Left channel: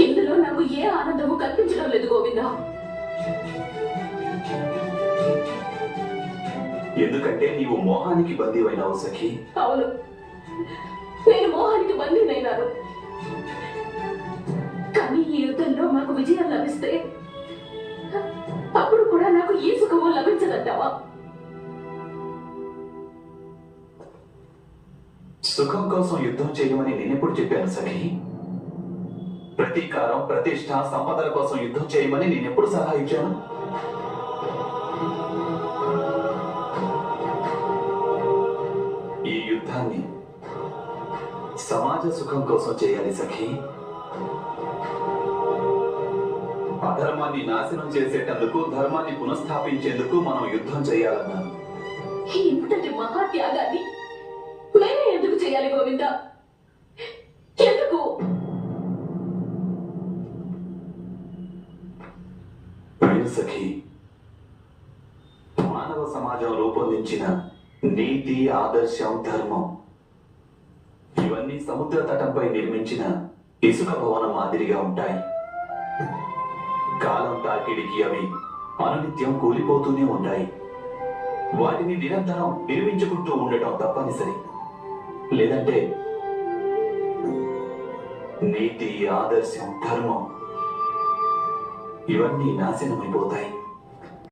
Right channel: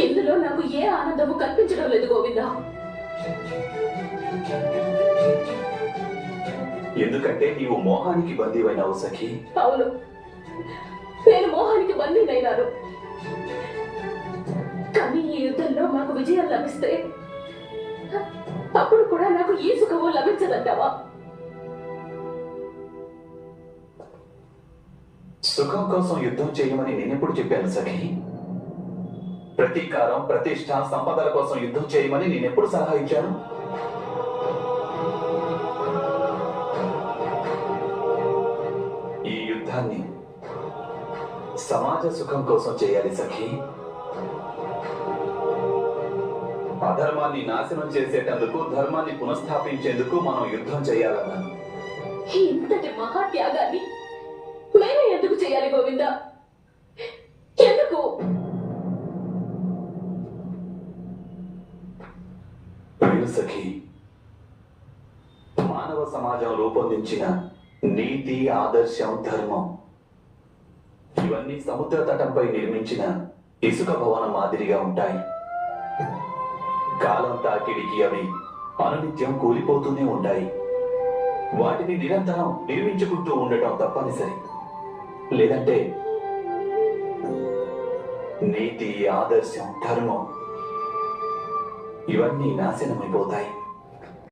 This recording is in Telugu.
ఇందులో నాకు ఏ ఆనందము కల్పించడం లేదు గోవిందా. ఎందుకంటే నీవు మోహానికి బందీవైనావు సఖి. అవును, నేను మోహానికి బందీనైనాను. కానీ ఈ యుద్ధంలో నాకు విజయం లభిస్తే అప్పుడు కూడా నాకు ఈ సుఖము లభించదంటావా? సుఖం కోసం యుద్ధం చేయమని నేనెప్పుడు చెప్పాను సఖి? ప్రతీకారం, ప్రతిష్ట, సంపదల కోసం యుద్ధం చేయమని నేనెప్పుడు సలహా ఇచ్చాను? ఈ యుద్ధాన్ని సమాజ సుఖం కోసం చేయాలి సఖి. అధర్మాన్ని నాశనం చేసేటందుకు, ధర్మాన్ని పునఃస్థాపించేందుకు మనం యుద్ధం చేయాలన్నాను. ఇంతటి మహాత్యాగాన్ని మేమే ఎందుకు చేయాలి గోవిందా? ఎందుకు? సఖి, మానవ సమాజం రూపొందించిన నీతి, ఆదర్శం, ధర్మం ఇవన్నీ సముద్ర తటంపై నిర్మించిన ఇసుక భవనం మాదిరిగా ఉంటాయి. కాలం తాకిడికి అవి అనునిత్యం కూలిపోతూనే ఉంటాయి. వాటిని నిరంతరం నిర్మించుకుంటూ ఉండటం తప్పనిసరి. లేదంటే నీతి, ఆదర్శం, ధర్మం ఇవన్నీ నాశనమైపోతాయి.